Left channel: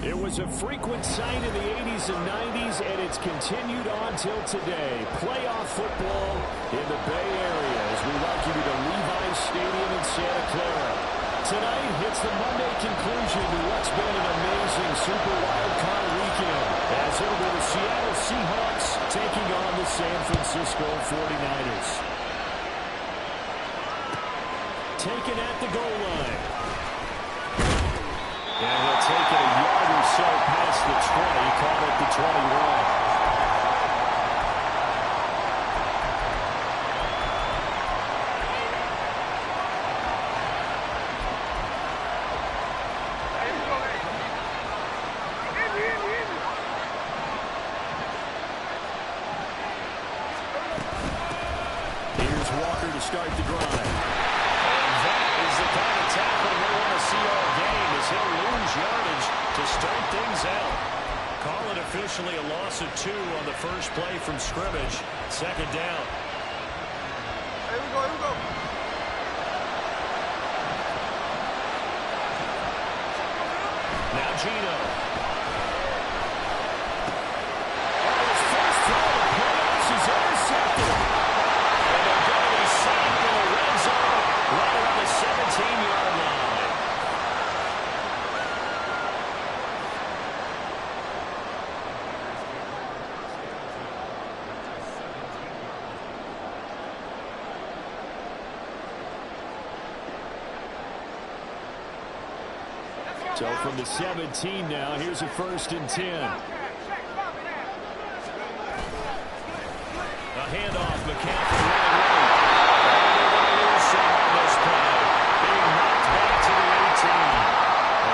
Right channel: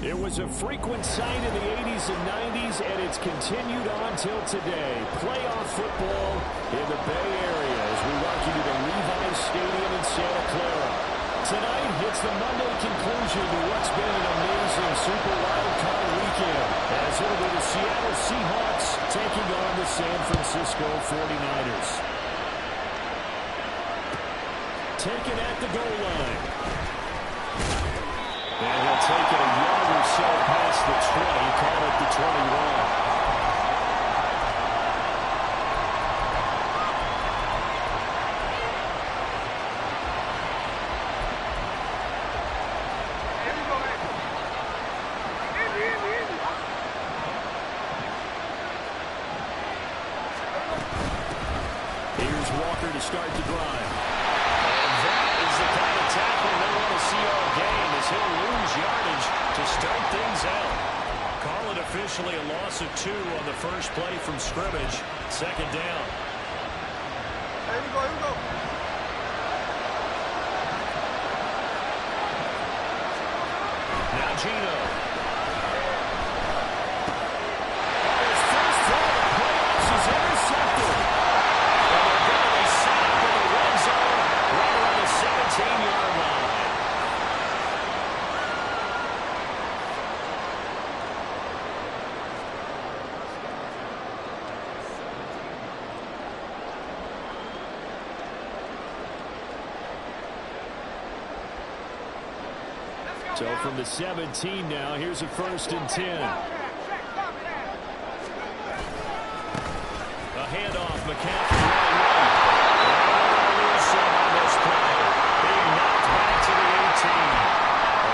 It was a frequent sight in the 80s and 90s, and it's continued on till today. Playoff football in the Bay Area as we welcome you to Levi's Stadium in Santa Clara. Tonight, it's the Monday conclusion to what's been an amazing Super Wild Card weekend, as it'll be the Seattle Seahawks taking on the San Francisco 49ers. Taken at the goal line. And he'll take it a yard or so past the 20, caught at the 21. Here's Walker to start the drive. And that is the kind of tackling they want to see all game, as he'll lose yardage to start things out. Call it officially a loss of 2 on the first play from scrimmage. Second down. Here we go, here we go. Now Gino. Oh, his first throw of the playoffs is intercepted. And they're going to be sacked in the red zone right around the 17-yard line. So from the 17 now, here's a 1st and 10. A handoff, McCaffrey running right. And they're going to lose some on this play. Being knocked back to the 18.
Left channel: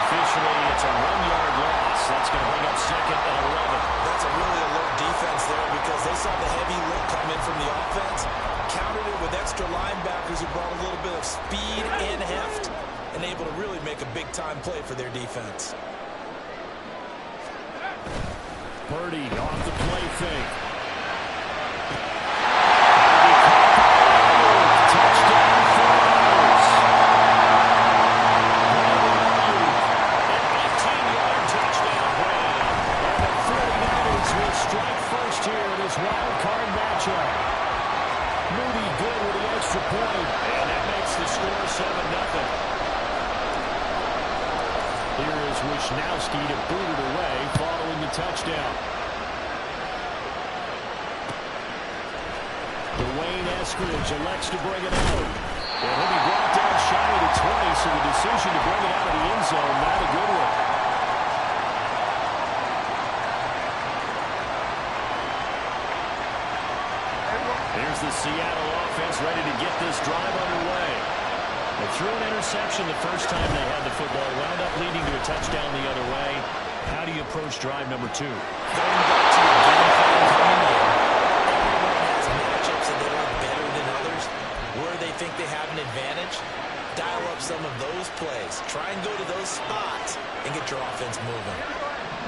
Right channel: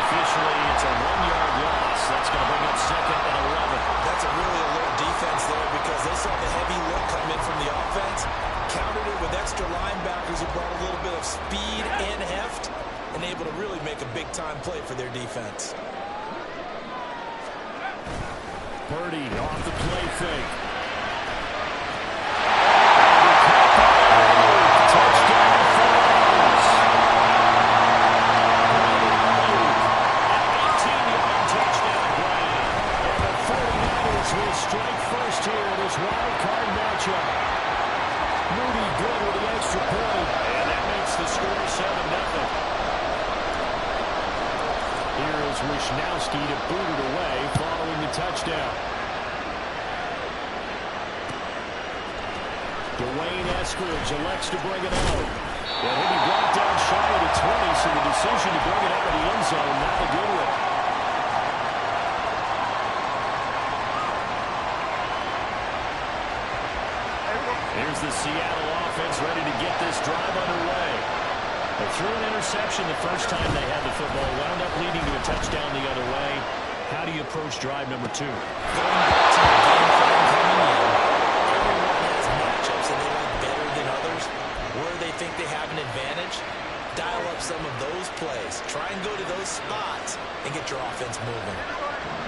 Officially, it's a 1-yard loss. That's going to bring up 2nd and 11. That's a really alert defense there, because they saw the heavy look come in from the offense, countered it with extra linebackers who brought a little bit of speed and heft, and able to really make a big-time play for their defense. Purdy off the play fake. Touchdown 49ers. An 18-yard touchdown grab. And the 49ers will strike first here in this wild card matchup. Moody good with the extra point. And that makes the score 7-0. Here is Wisnowski to boot it away following the touchdown. Dwayne Eskridge elects to bring it out. And he'll be brought down shy of the 20, so the decision to bring it out of the end zone, not a good one. Here's the Seattle offense ready to get this drive underway. They threw an interception the first time they had the football, wound up leading to a touchdown the other way. How do you approach drive number 2? Going back to your game plan coming in, everyone has matchups that they like better than others. Where they think they have an advantage, dial up some of those plays. Try and go to those spots and get your offense moving.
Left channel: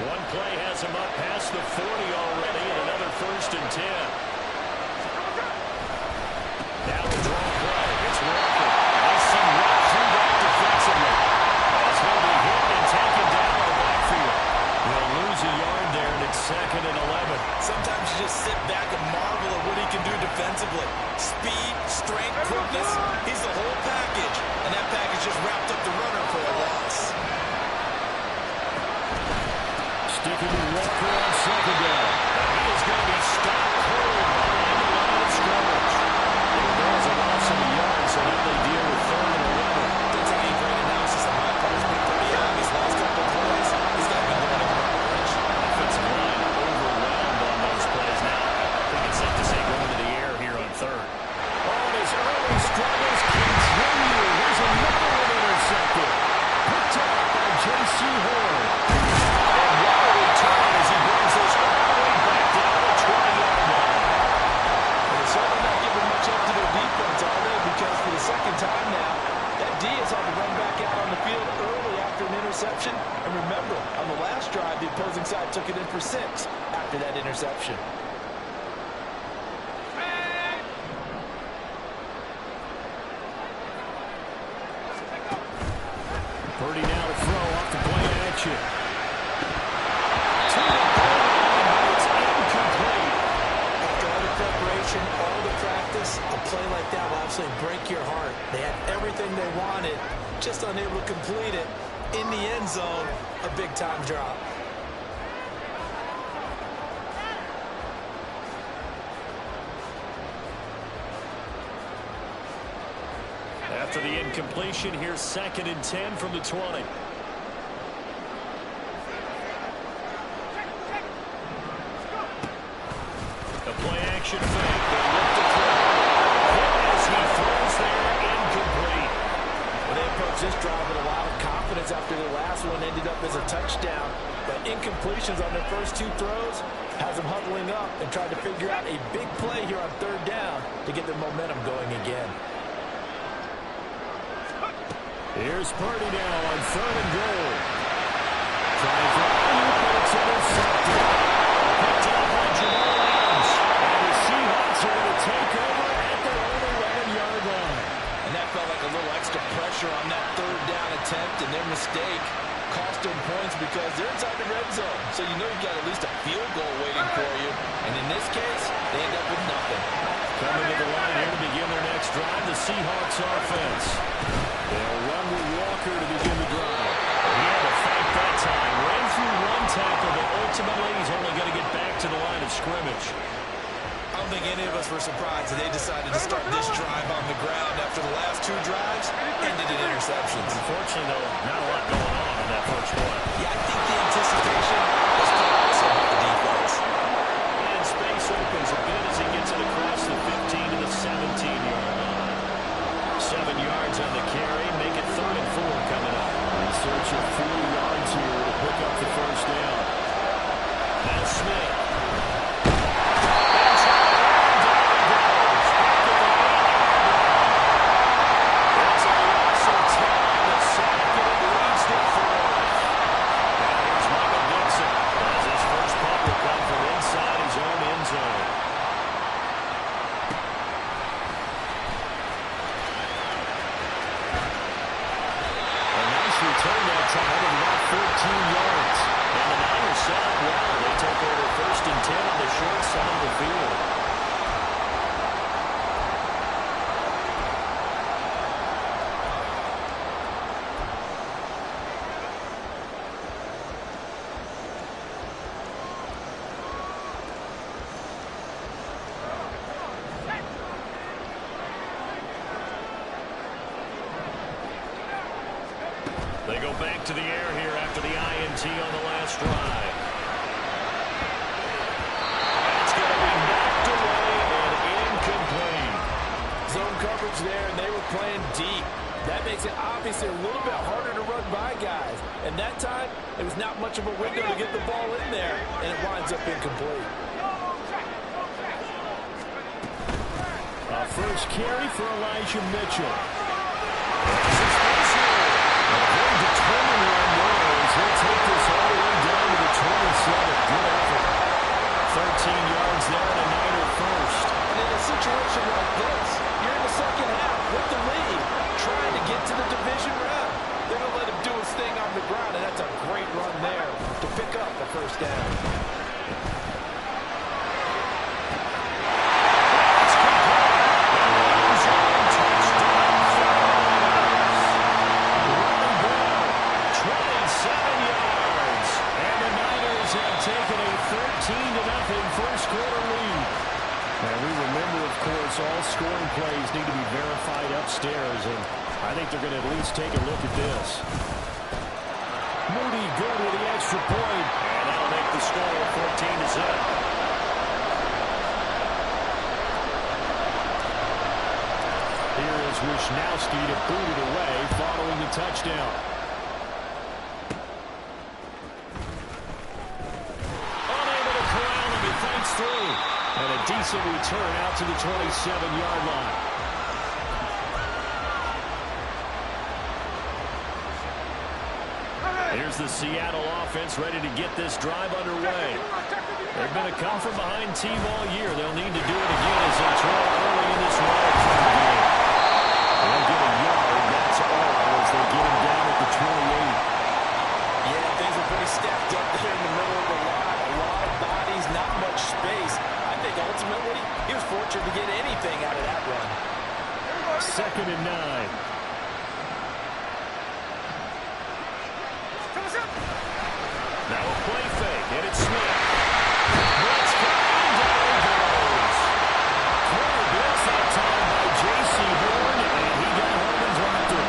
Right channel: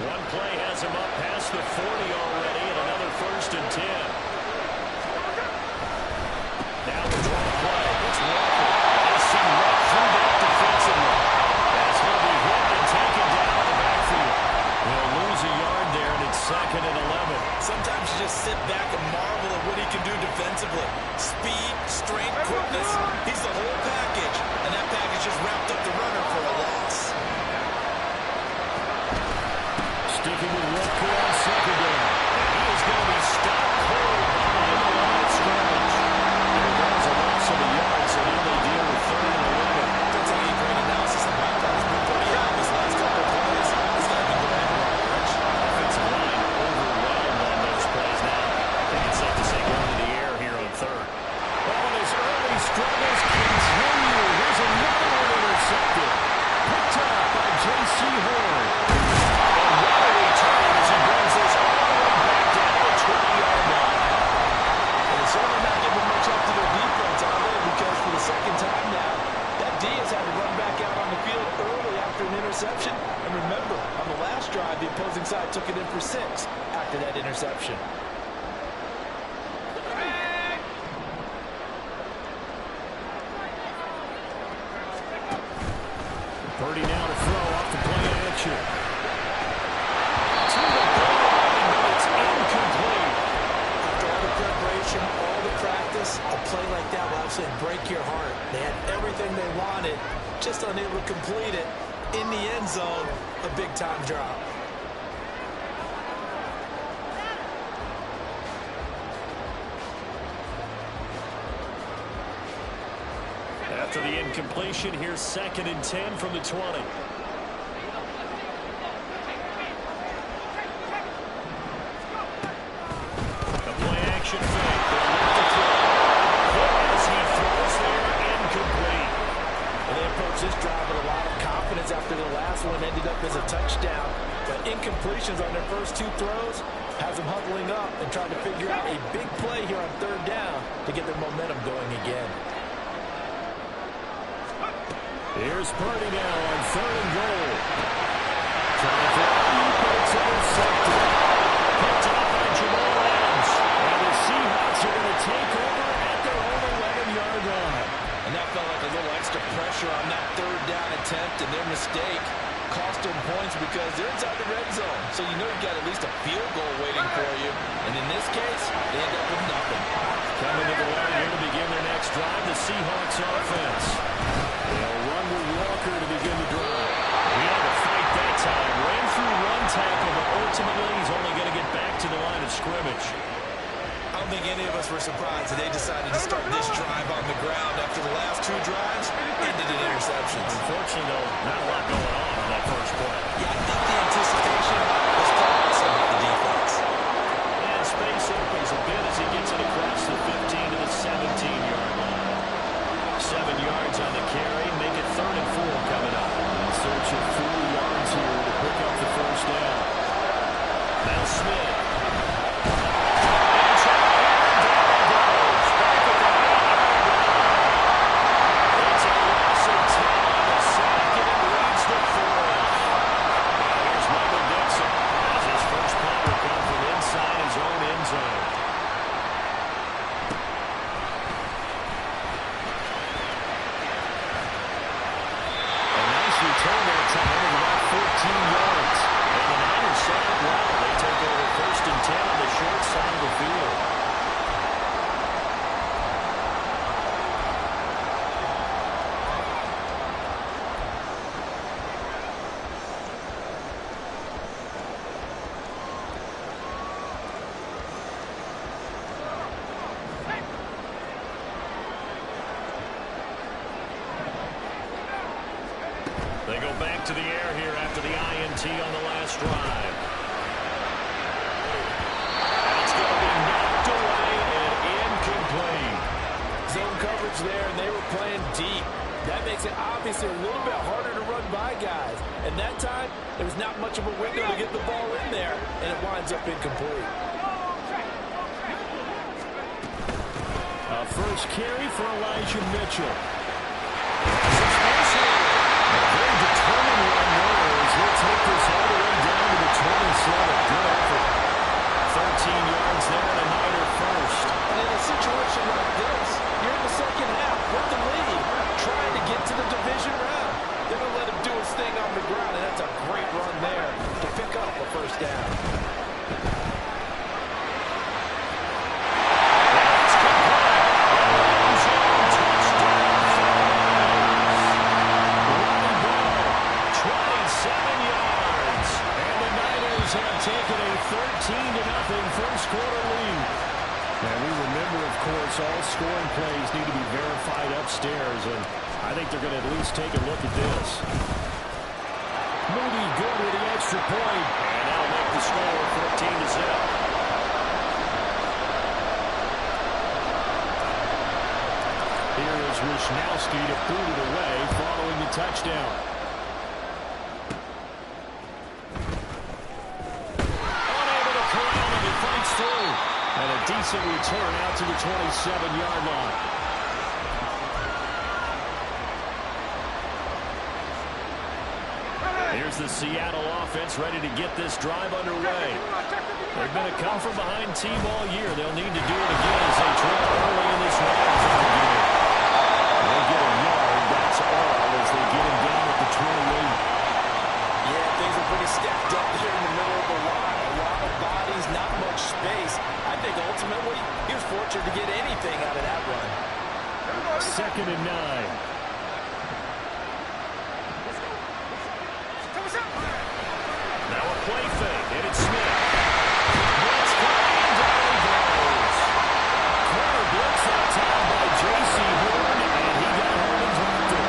One play has him up past the 40 already, and another 1st and 10. Now the draw play. It's Walker. They see right through that defensively as he'll be hit and taken down in the backfield. He'll lose a yard there, and it's 2nd and 11. Sometimes you just sit back and marvel at what he can do defensively. Speed, strength, quickness. He's the whole package, and that package just wrapped up the runner for a loss. Sticking with Walker on 2nd down. And he is going to be stopped cold behind the line of scrimmage. There was a loss of a yard, so now they deal with 3rd and 11. Don't take any great analysis on my part. He's been pretty young these last couple of plays. He's got to be going in the wrong direction. Offensive line overwhelmed on those plays now. I think it's safe to say going to the air here on 3rd. Oh, and his early struggles continue. Here's another one intercepted. Picked up by J.C. Horn. And what a return as he brings this all the way back down to the 20-yard line. And they're certainly not giving much up to their defense, are they? Because for the 2nd time now, that D has had to run back out on the field early after an interception. And remember, on the last drive, the opposing side took it in for 6 after that interception. Purdy now to throw off the play action. To the goal line, but it's incomplete. After all the preparation, all the practice, a play like that will absolutely break your heart. They had everything they wanted, just unable to complete it. In the end zone, a big-time drop. After the incompletion, here's 2nd and 10 from the 20. The play action fake. They'll look to throw. Hit as he throws there, incomplete. Well, they approached this drive with a lot of confidence after the last one ended up as a touchdown. But incompletions on their first 2 throws has them huddling up and trying to figure out a big play here on 3rd down to get their momentum going again. Here's Purdy now on 3rd and goal. Trying for Ayuk, but it's intercepted. Picked up by Jamal Adams. And the Seahawks are going to take over at their own 11-yard line. And that felt like a little extra pressure on that 3rd down attempt, and their mistake cost them points because they're inside the red zone. So you know you've got at least a field goal waiting for you. And in this case, they end up with nothing. Coming to the line here to begin their next drive, the Seahawks offense. They'll run with Walker to begin the drive. He had to fight that time. Ran through 1 tackle, but ultimately he's only going to get back to the line of scrimmage. I don't think any of us were surprised that they decided to start this drive on the ground after the last 2 drives ended in interceptions. Unfortunately, though, not a lot going on that first play. Yeah, I think the anticipation was also about the defense. And space opens a bit as he gets it across the 15 to the 17-yard line. 7 yards on the carry, make it 3rd and 4 coming up. In search of 4 yards here to pick up the 1st down. Now Smith. Return that time of about 14 yards. And the Niners set up well. They take over 1st back to the air here after the INT on the last drive. That's going to be knocked away and incomplete. Zone coverage there, and they were playing deep. That makes it obviously a little bit harder to run by guys. And that time, there was not much of a window to get the ball in there, and it winds up incomplete. First carry for Elijah Mitchell. A very determined run there as he'll take this all the way down to the 27. Good effort. 13 yards there and a Niner first. And in a situation like this, you're in the second half with the lead, trying to get to the division round. They're going to let him do his thing on the ground, and that's a great run there to pick up a first down. That's complete. End zone touchdown for the Niners. Ronnie Bell, 27 yards. And the Niners have taken a 13-0 first quarter lead. And we remember, of course, all scoring plays need to be verified upstairs, and I think they're going to at least take a look at this. Moody good with the extra point, and that'll make the score 14-0. Here is Wishnowski to boot it away following the touchdown. Unable to corral him, he fights through. And a decent return out to the 27-yard line. Here's the Seattle offense ready to get this drive underway. They've been a come-from-behind team all year. They'll need to do it again as they trail early in this wild-card game. They'll get a yard, that's all, as they get him down at the 28. Yeah, things are pretty stacked up there in the middle of the line. A lot of bodies, not much space. I think ultimately he was fortunate to get anything out of that run. 2nd and 9. Now a play fake, and it's Smith. Blitz coming, and down he goes. Corner blitz that time by J.C. Horn, and he got home and dropped it.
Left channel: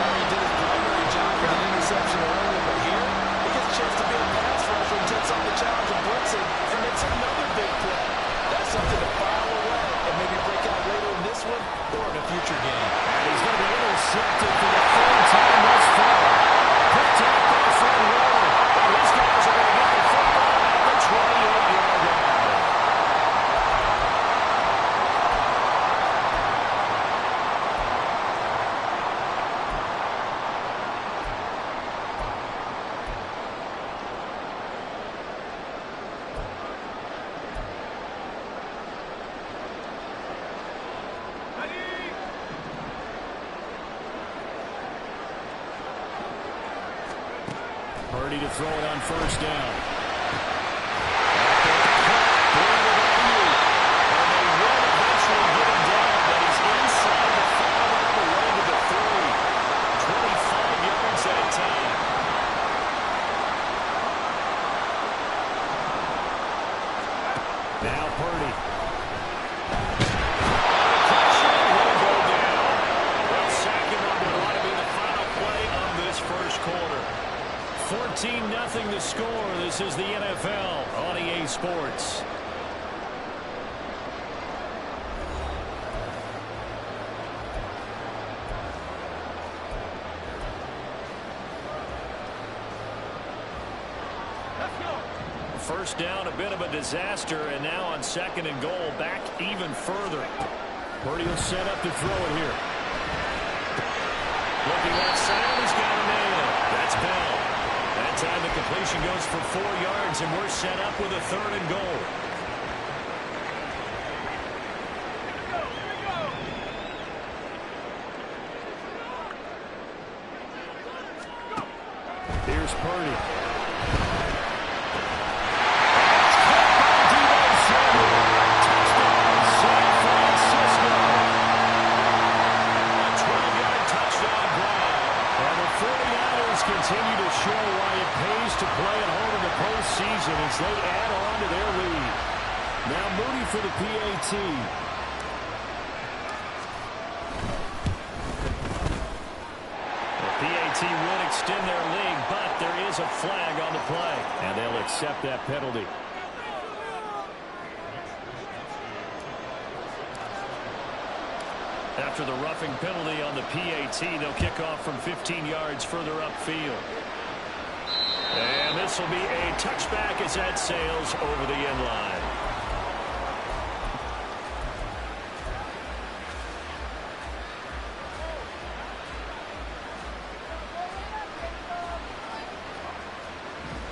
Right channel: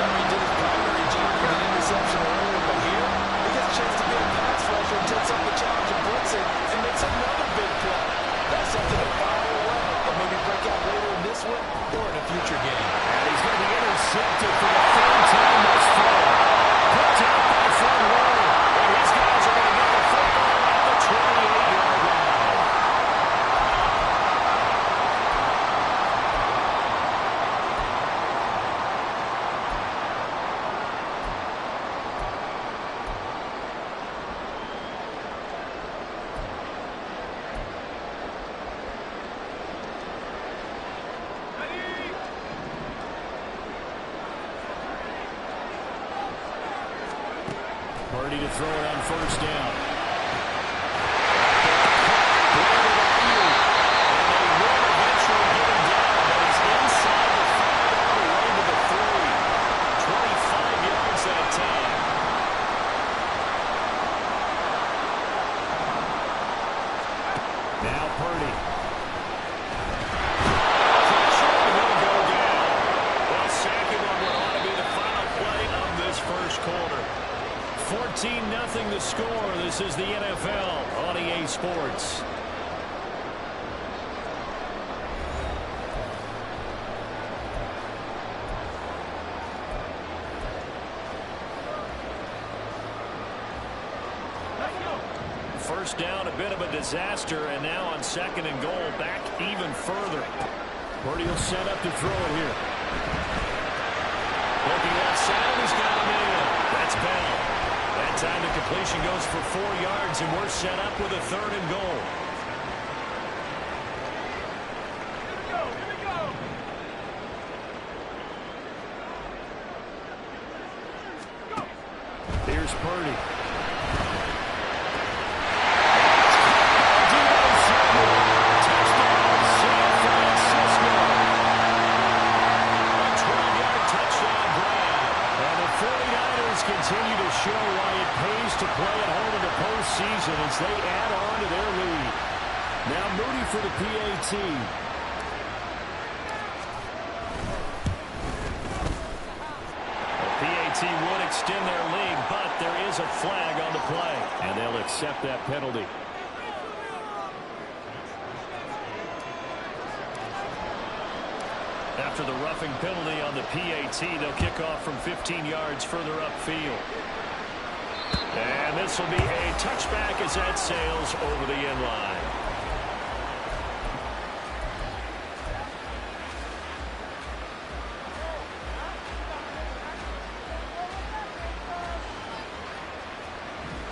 He did his primary job with an interception earlier, but here he gets a chance to be a pass rusher and takes on the challenge of blitzing and makes another big play. That's something to file away and maybe break out later in this one or in a future game. And he's going to be intercepted for the 3rd time thus far. Picked out by Fred Warner, and his guys are going to get the football at the 28-yard line. Purdy to throw it on 1st down. And they will eventually get him down, but he's inside the 5 all the way to the 3. 25 yards that time. Now Purdy. Pressure, and he'll go down. They'll sack him on what ought to be the final play of this first quarter. 14-0 the score. This is the NFL on EA Sports. First down, a bit of a disaster, and now on 2nd and goal, back even further. Purdy will set up to throw it here. Looking left side, he's got a man. That's Bell. That time the completion goes for 4 yards, and we're set up with a 3rd and goal. Here we go. Here's Purdy. It's caught by Deebo Samuel. Touchdown, San Francisco. A 12-yard touchdown grab. And the 49ers continue to show why it pays to play at home in the postseason as they add on to their lead. Now Moody for the PAT. A PAT would extend their lead, but there is a flag on the play, and they'll accept that penalty. After the roughing penalty on the PAT, they'll kick off from 15 yards further upfield. And this will be a touchback as that sails over the end line.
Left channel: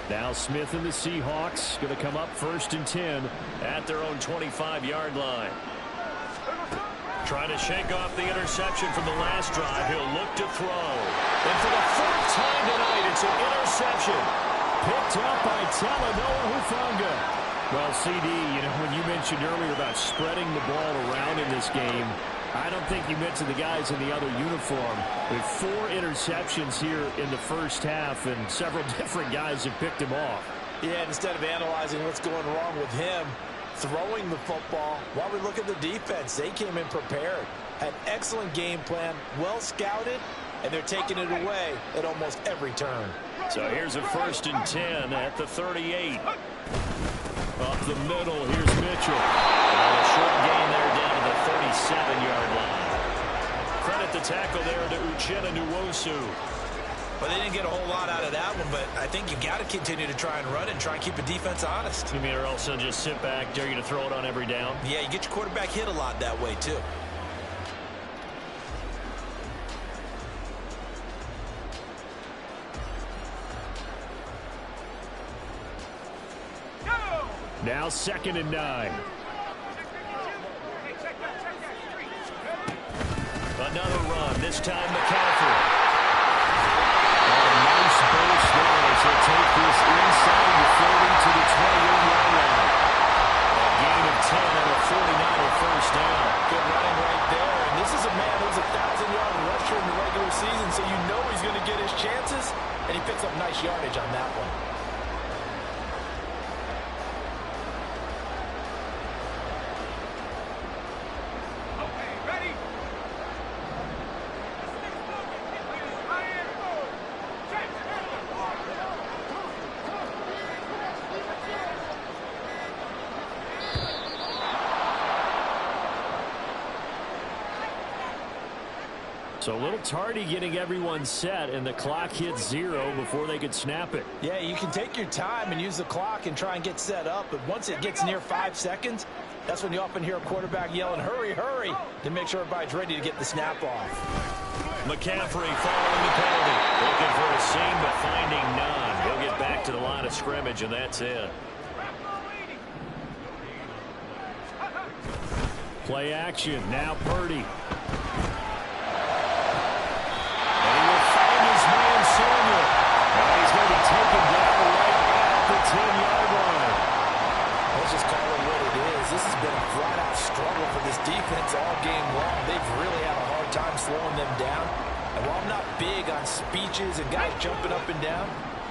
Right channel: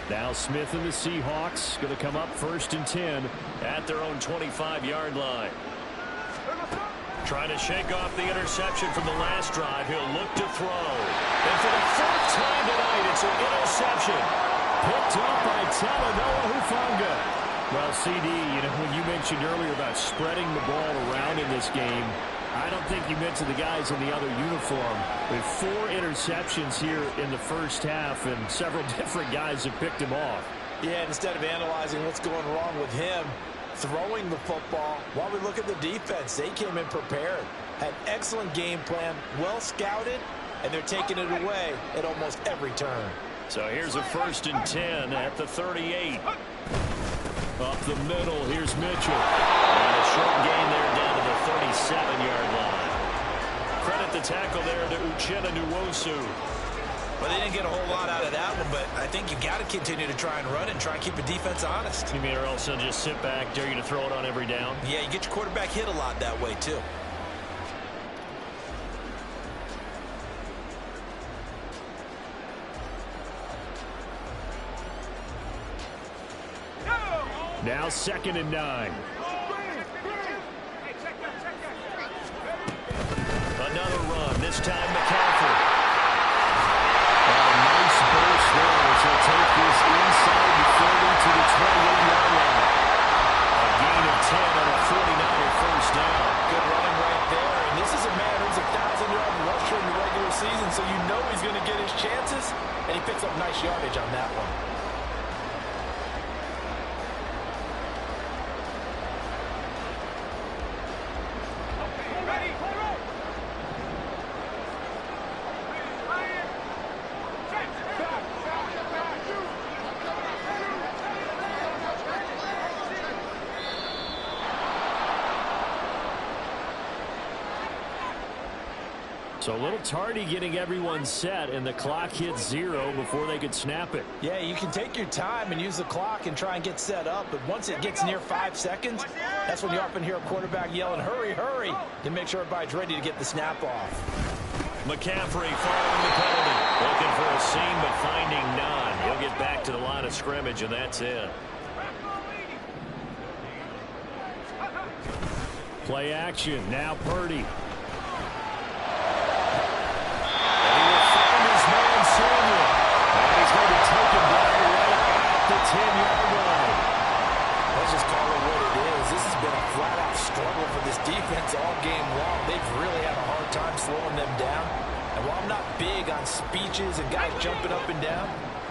Now Smith and the Seahawks going to come up 1st and 10 at their own 25-yard line. Trying to shake off the interception from the last drive. He'll look to throw. And for the 4th time tonight, it's an interception. Picked up by Talanoa Hufanga. Well, CD, when you mentioned earlier about spreading the ball around in this game, I don't think you mentioned the guys in the other uniform. With 4 interceptions here in the first half, and several different guys have picked him off. Yeah, instead of analyzing what's going wrong with him, throwing the football, while we look at the defense, they came in prepared. Had excellent game plan, well scouted, and they're taking it away at almost every turn. So here's a 1st and 10 at the 38. Up the middle, here's Mitchell. And a short gain there down to the 37-yard line. Credit the tackle there to Uchenna Nwosu. Well, they didn't get a whole lot out of that one, but I think you got to continue to try and run and try and keep the defense honest. You mean or else they'll just sit back, dare you to throw it on every down? Yeah, you get your quarterback hit a lot that way, too. Now 2nd and 9. Another run, this time McCaffrey. And a nice burst there as he'll take this inside the 30 to the 28-yard line. A gain of 10 and a 49er first down. Good running right there. And this is a man who's a 1,000-yard rusher in the regular season, so you know he's going to get his chances. And he picks up nice yardage on that one. So a little tardy getting everyone set, and the clock hits 0 before they could snap it. Yeah, you can take your time and use the clock and try and get set up, but once it gets near 5 seconds, that's when you often hear a quarterback yelling, hurry, hurry, to make sure everybody's ready to get the snap off. McCaffrey following the penalty. Looking for a seam, but finding none. He'll get back to the line of scrimmage, and that's it. Play action. Now Purdy. Man Samuel, and he's going to be taken down right at the 10-yard line. Let's just call it what it is. This has been a flat-out struggle for this defense all game long. They've really had a hard time slowing them down. And while I'm not big on speeches and guys jumping up and down,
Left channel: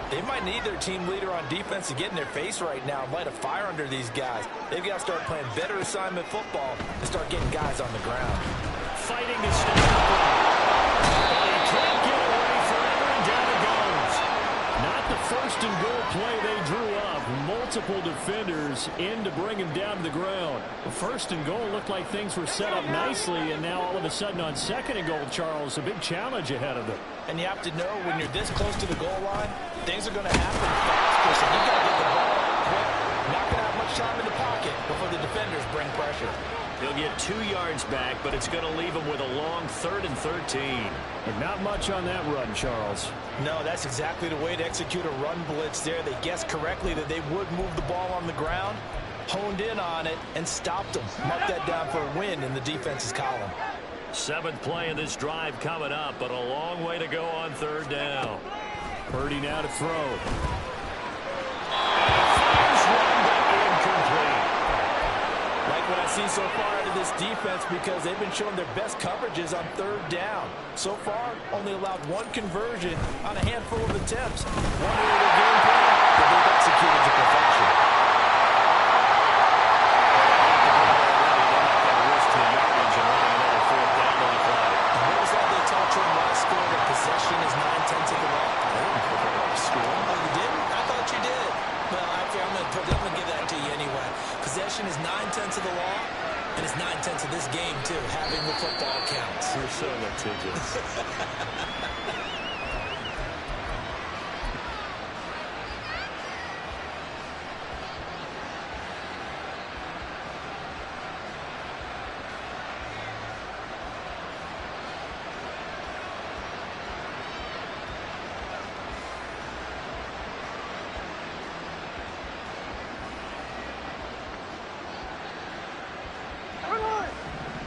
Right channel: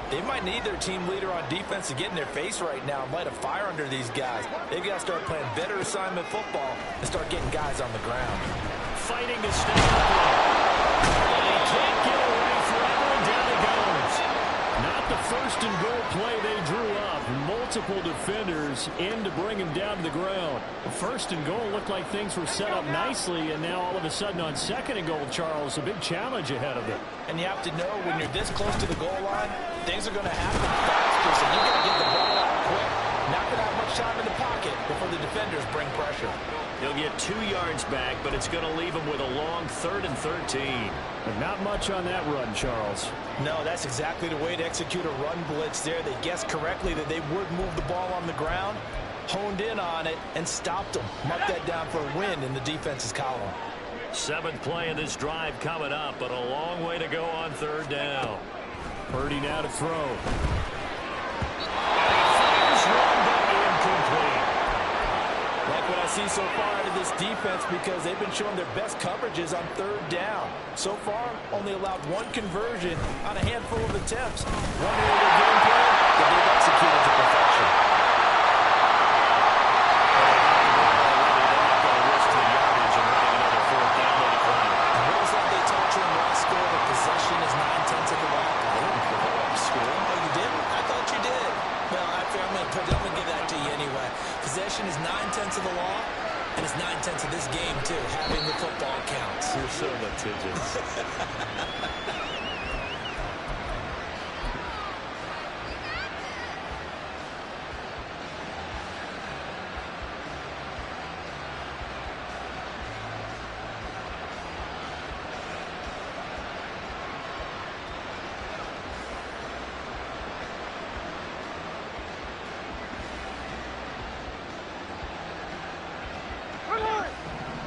they might need their team leader on defense to get in their face right now and light a fire under these guys. They've got to start playing better assignment football and start getting guys on the ground. Fighting to stay upright. But he can't get away forever, and down he goes. Not the 1st and goal play they drew up. Multiple defenders in to bring him down to the ground. The 1st and goal looked like things were set up nicely, and now all of a sudden on 2nd and goal, Charles, a big challenge ahead of them. And you have to know when you're this close to the goal line, things are going to happen faster, so you've got to get the ball out quick. Not going to have much time in the pocket before the defenders bring pressure. He'll get 2 yards back, but it's going to leave him with a long 3rd and 13. But not much on that run, Charles. No, that's exactly the way to execute a run blitz there. They guessed correctly that they would move the ball on the ground, honed in on it, and stopped them. Mark that down for a win in the defense's column. 7th play of this drive coming up, but a long way to go on 3rd down. Purdy now to throw. And he fires one, but incomplete. Like what I see so far out of this defense, because they've been showing their best coverages on 3rd down. So far, only allowed 1 conversion on a handful of attempts. One area of their game plan that they've executed to perfection. What was that they taught you in last school? That possession is not possession is 9/10 of the law, and it's 9/10 of this game, too. Having the football counts. You're so litigious.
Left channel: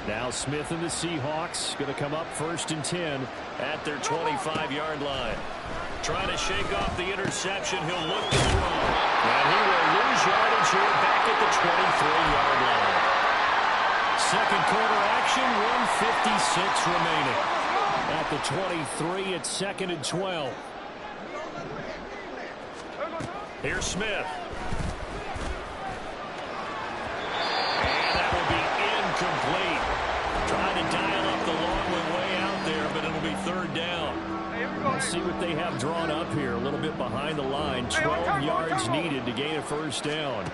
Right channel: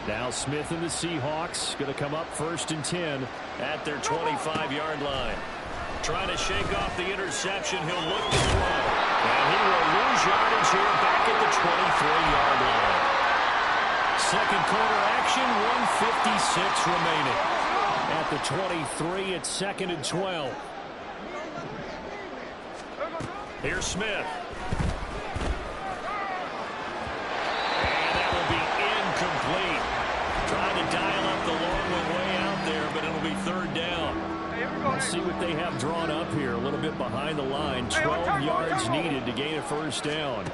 Now Smith and the Seahawks going to come up 1st and 10 at their 25-yard line. Trying to shake off the interception. He'll look to throw. And he will lose yardage here back at the 23-yard line. Second quarter action, 1:56 remaining. At the 23, it's 2nd and 12. Here's Smith. And that will be incomplete. Trying to dial up the long one way out there, but it'll be 3rd down. Let's see what they have drawn up here. A little bit behind the line. 12 yards needed to gain a 1st down.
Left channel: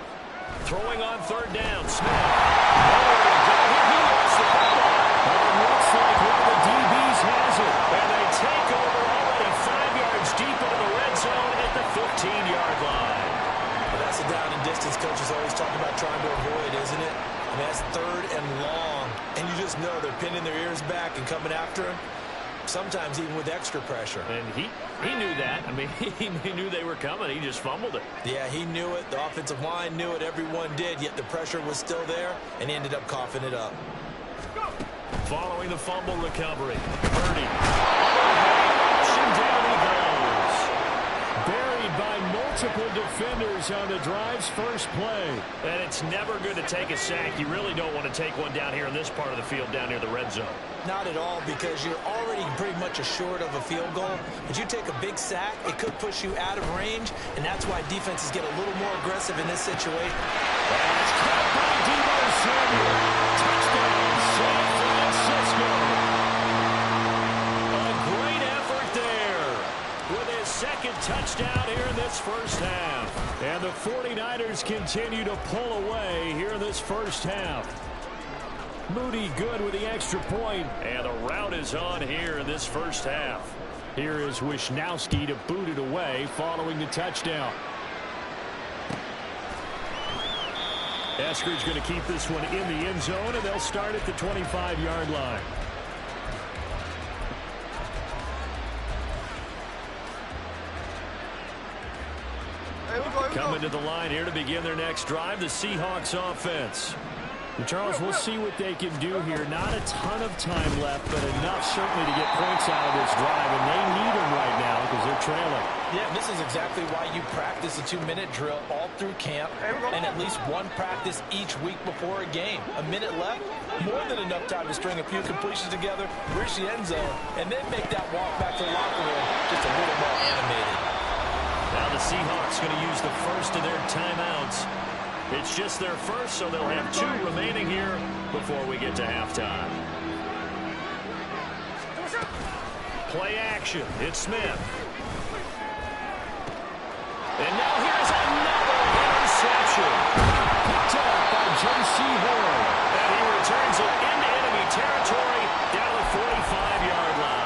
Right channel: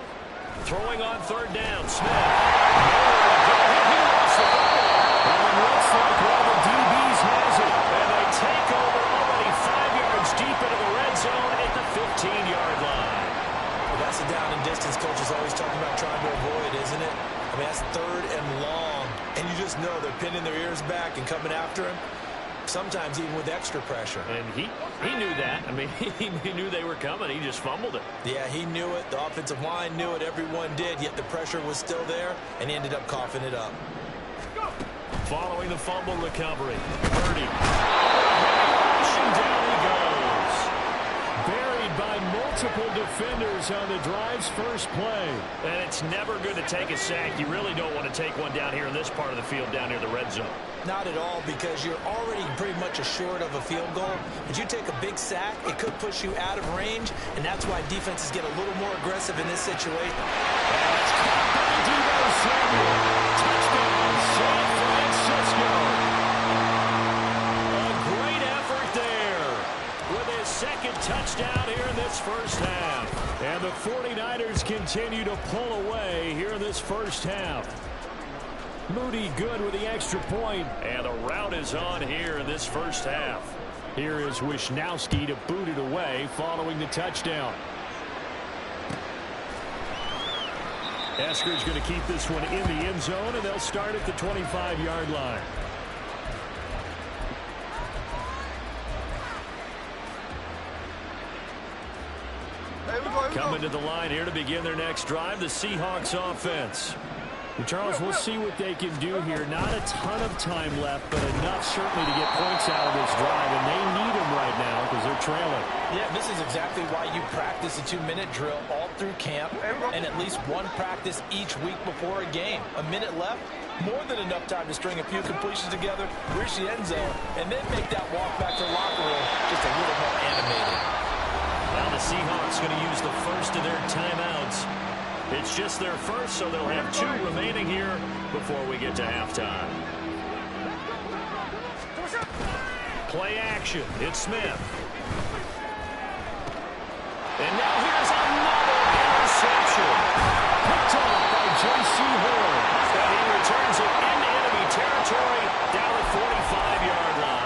Throwing on 3rd down. Smith. Nowhere to go here. He lost the football. And it looks like one of the DBs has it. And they take over already 5 yards deep into the red zone at the 15-yard line. Well, that's a down and distance coaches always talking about trying to avoid, isn't it? I mean, that's 3rd and long. And you just know they're pinning their ears back and coming after him. Sometimes even with extra pressure. And he knew that. I mean, he knew they were coming. He just fumbled it. Yeah, he knew it. The offensive line knew it. Everyone did. Yet the pressure was still there, and he ended up coughing it up. Following the fumble recovery, Purdy. Oh, heavy rush, and down he goes. Buried by multiple defenders on the drive's first play. And it's never good to take a sack. You really don't want to take one down here in this part of the field down near the red zone. Not at all, because you're already pretty much assured of a field goal. But you take a big sack, it could push you out of range, and that's why defenses get a little more aggressive in this situation. And it's caught by Deebo Samuel. Touchdown, San Francisco. A great effort there with his 2nd touchdown here in this first half. And the 49ers continue to pull away here in this first half. Moody good with the extra point, and the route is on here in this first half. Here is Wisnowski to boot it away following the touchdown. Eskridge going to keep this one in the end zone, and they'll start at the 25-yard line. Coming to the line here to begin their next drive, the Seahawks offense. And Charles, we'll see what they can do here. Not a ton of time left, but enough certainly to get points out of this drive, and they need them right now because they're trailing. Yeah, this is exactly why you practice a 2-minute drill all through camp and at least one practice each week before a game. A minute left, more than enough time to string a few completions together, reach the end zone, and then make that walk back to the locker room just a little more animated. Now the Seahawks going to use the first of their timeouts. It's just their first, so they'll have 2 remaining here before we get to halftime. Play action. It's Smith. And now here's another interception. Picked off by J.C. Horn. And he returns it into enemy territory down to the 45-yard line.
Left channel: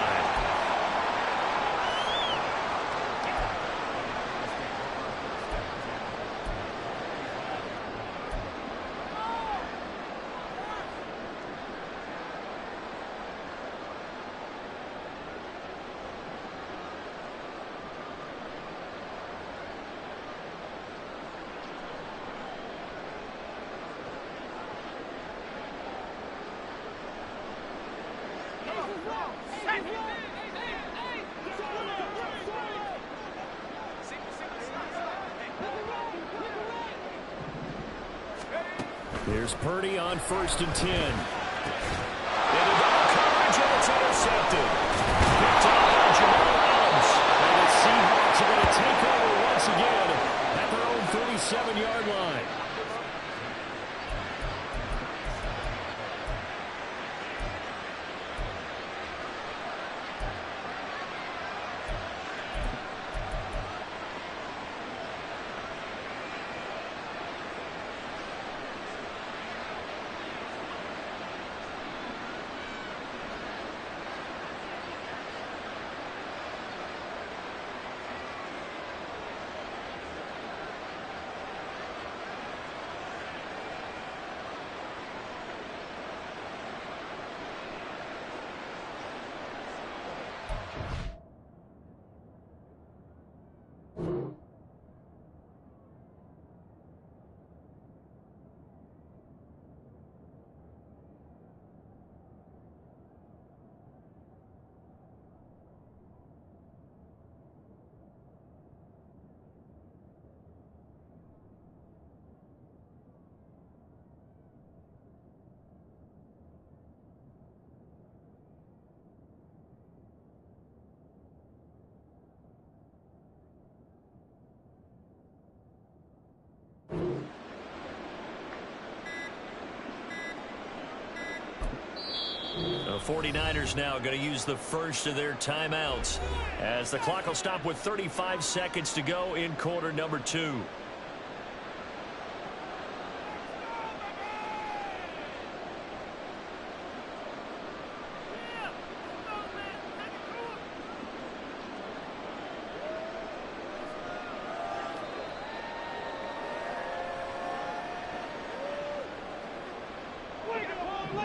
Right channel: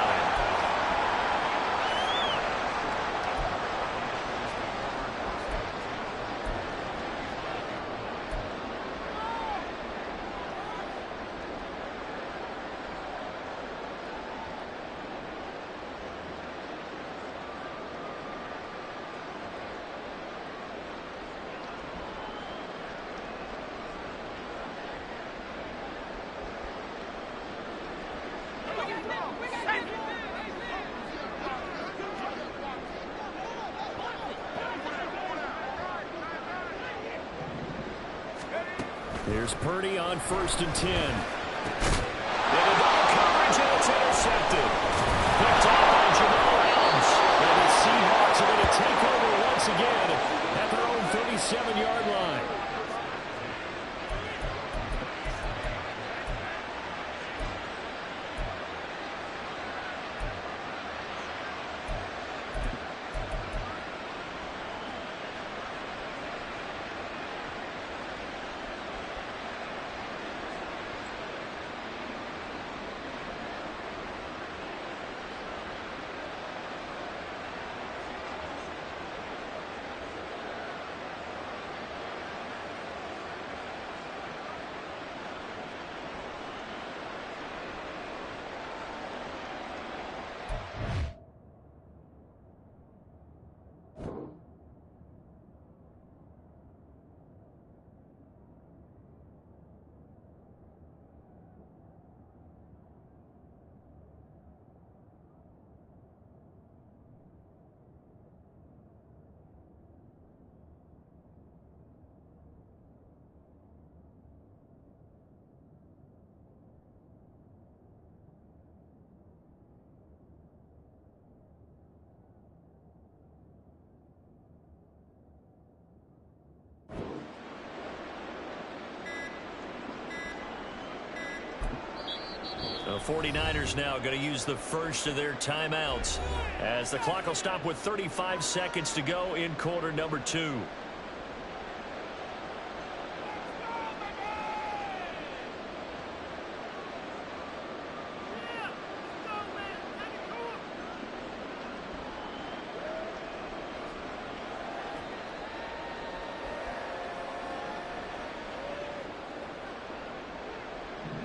Here's Purdy on 1st and 10. Into double coverage, and it's intercepted. Picked off by Jamal Adams. And the Seahawks are going to take over once again at their own 37-yard line. 49ers now going to use the first of their timeouts as the clock will stop with 35 seconds to go in quarter number 2.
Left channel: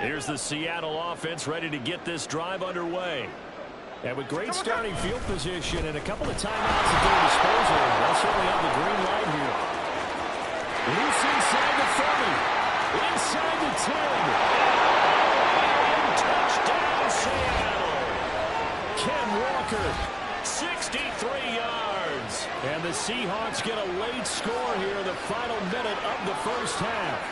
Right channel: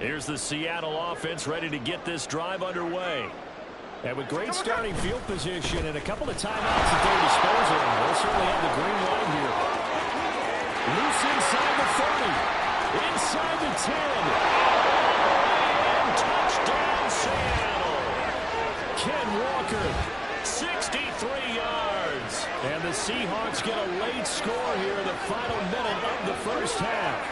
Here's the Seattle offense ready to get this drive underway. And with great starting field position and a couple of timeouts at their disposal, they'll certainly have the green light here. Loose inside the 30. Inside the 10. And touchdown Seattle. Ken Walker, 63 yards. And the Seahawks get a late score here in the final minute of the first half.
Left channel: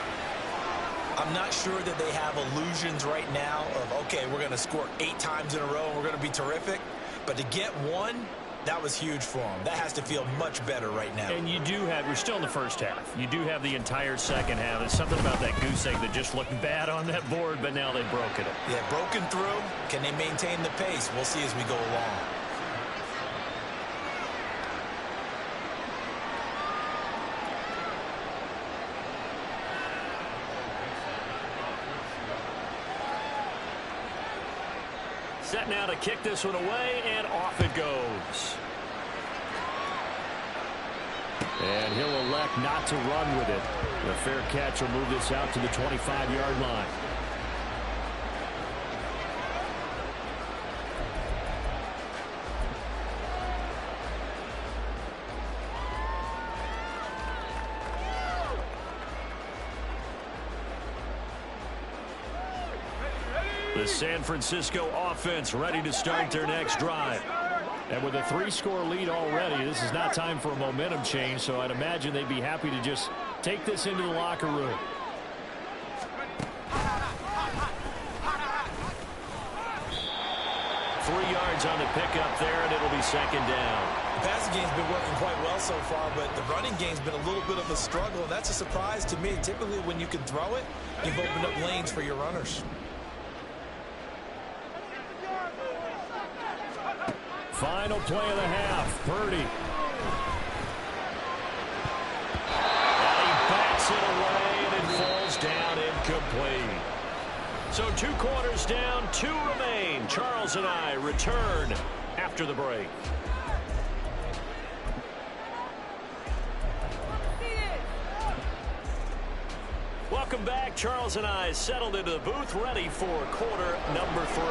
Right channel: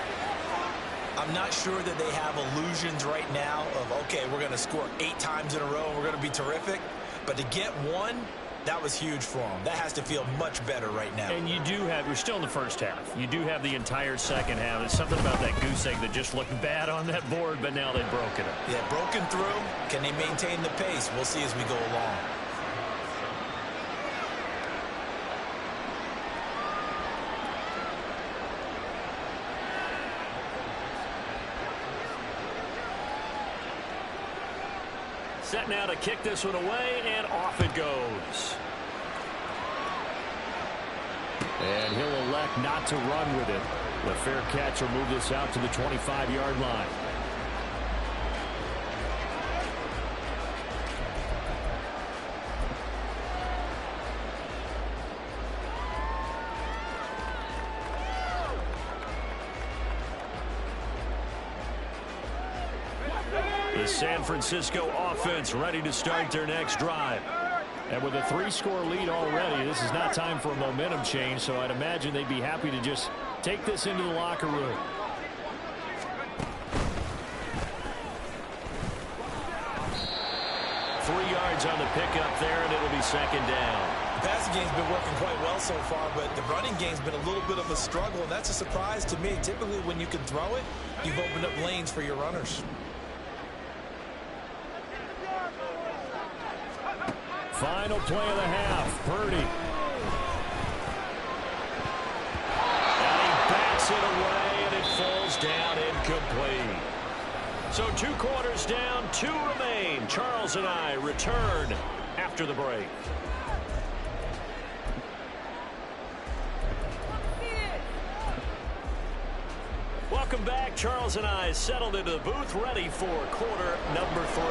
I'm not sure that they have illusions right now of, okay, we're going to score 8 times in a row and we're going to be terrific. But to get one, that was huge for them. That has to feel much better right now. And you do have, we're still in the first half. You do have the entire second half. There's something about that goose egg that just looked bad on that board, but now they've broken it. Yeah, broken through. Can they maintain the pace? We'll see as we go along. Set now to kick this one away, and off it goes. And he'll elect not to run with it. The fair catch will move this out to the 25-yard line. The San Francisco offense ready to start their next drive. And with a 3-score lead already, this is not time for a momentum change, so I'd imagine they'd be happy to just take this into the locker room. Three yards on the pickup there, and it'll be second down. The passing game's been working quite well so far, but the running game's been a little bit of a struggle, and that's a surprise to me. Typically, when you can throw it, you've opened up lanes for your runners. Final play of the half. Purdy. And he bats it away, and it falls down incomplete. So 2 quarters down, 2 remain. Charles and I return after the break. Welcome back. Charles and I settled into the booth, ready for quarter number 3.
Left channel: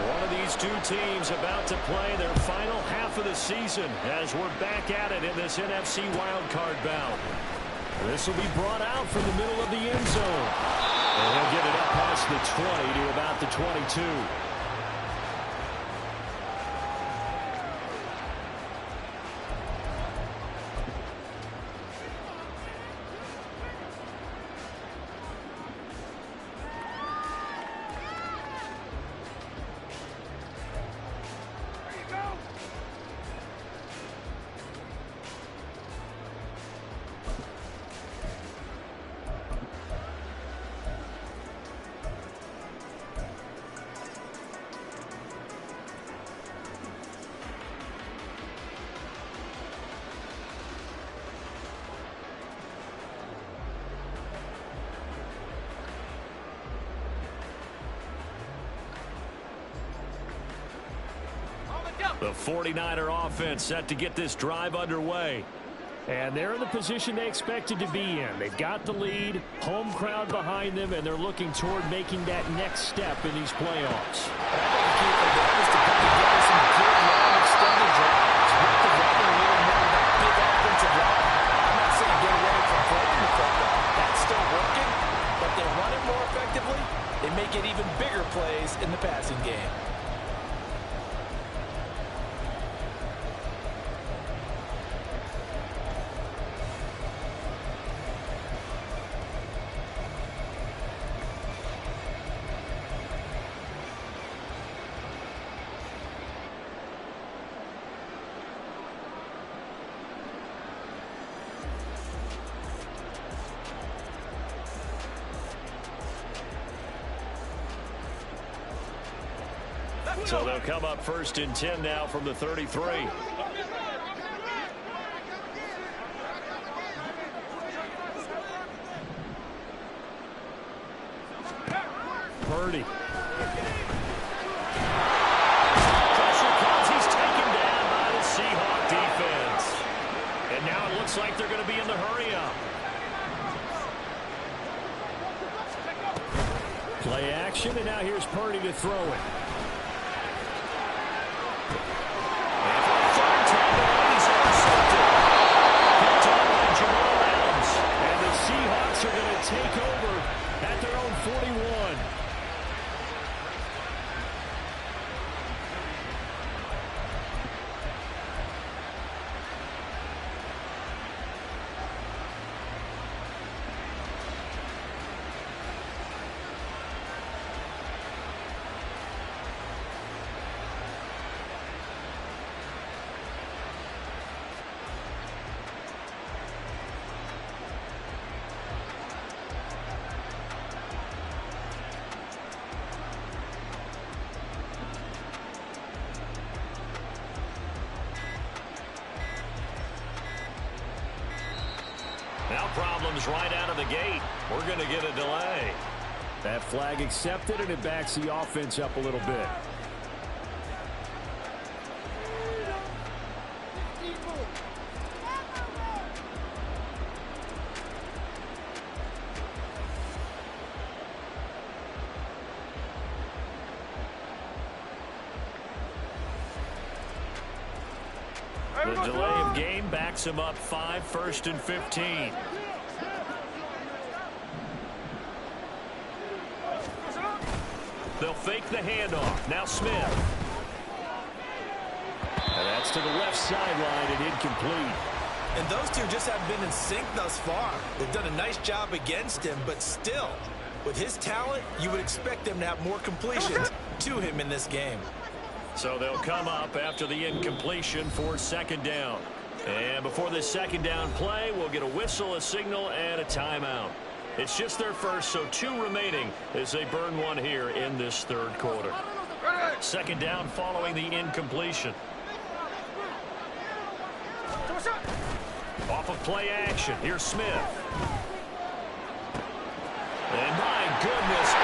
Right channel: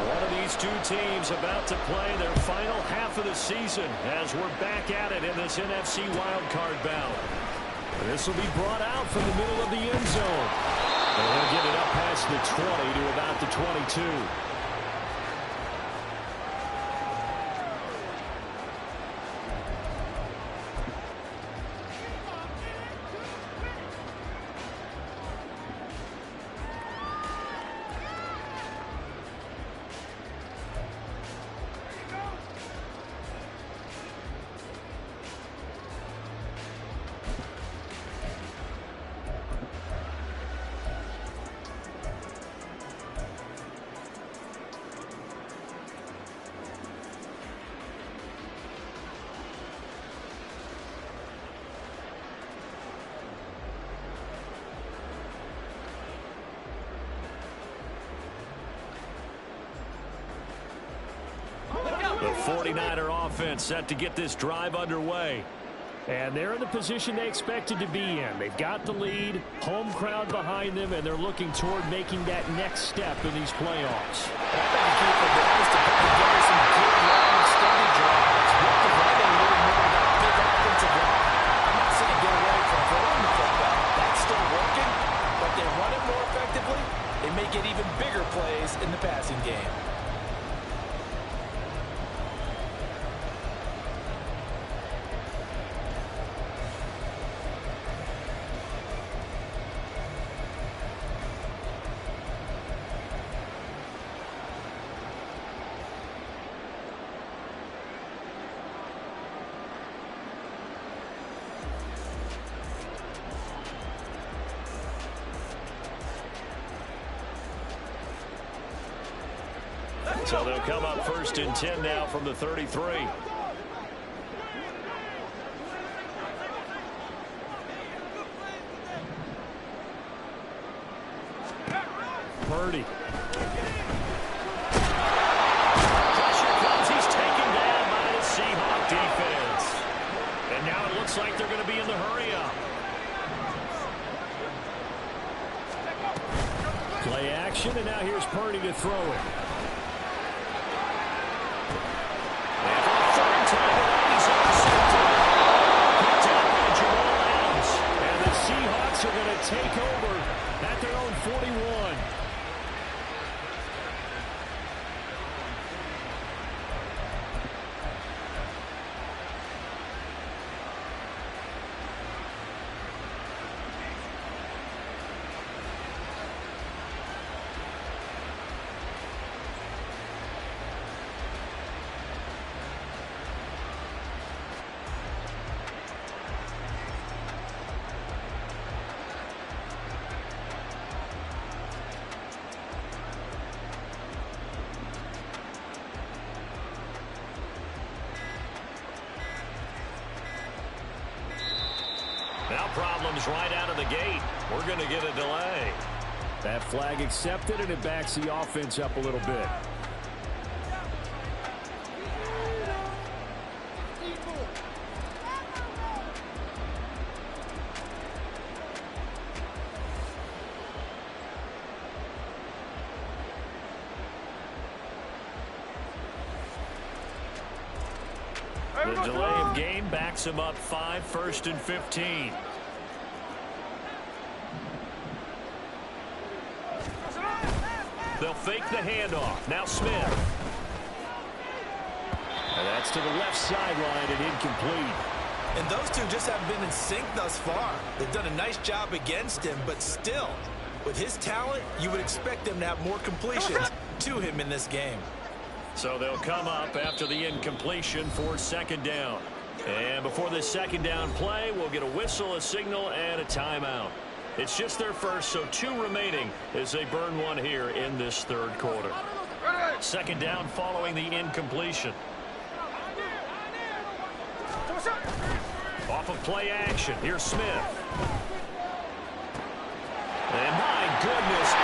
One of these two teams about to play their final half of the season as we're back at it in this NFC wildcard bout. This will be brought out from the middle of the end zone. And he'll get it up past the 20 to about the 22. The 49er offense set to get this drive underway. And they're in the position they expected to be in. They've got the lead, home crowd behind them, and they're looking toward making that next step in these playoffs. I think the key for them is to put together some good, long, extended drives. Work the running a little more with that big offensive line. I'm not saying get away from throwing the football. That's still working, but they run it more effectively. They may get even bigger plays in the passing game. So they'll come up 1st and 10 now from the 33. Purdy. Pressure comes. He's taken down by the Seahawk defense. And now it looks like they're going to be in the hurry-up. Play action, and now here's Purdy to throw it. And for a third time tonight, he's intercepted. Picked up by Jamal Adams. And the Seahawks are going to take over at their own 41. Now problems right out of the gate. We're going to get a delay. That flag accepted, and it backs the offense up a little bit. The delay of game backs him up 5, 1st and 15. They'll fake the handoff. Now Smith. And that's to the left sideline and incomplete. And those two just haven't been in sync thus far. They've done a nice job against him, but still, with his talent, you would expect them to have more completions to him in this game. So they'll come up after the incompletion for 2nd down. And before this 2nd down play, we'll get a whistle, a signal, and a timeout. It's just their first, so 2 remaining as they burn one here in this 3rd quarter. 2nd down following the incompletion. Off of play action, here's Smith. And my goodness,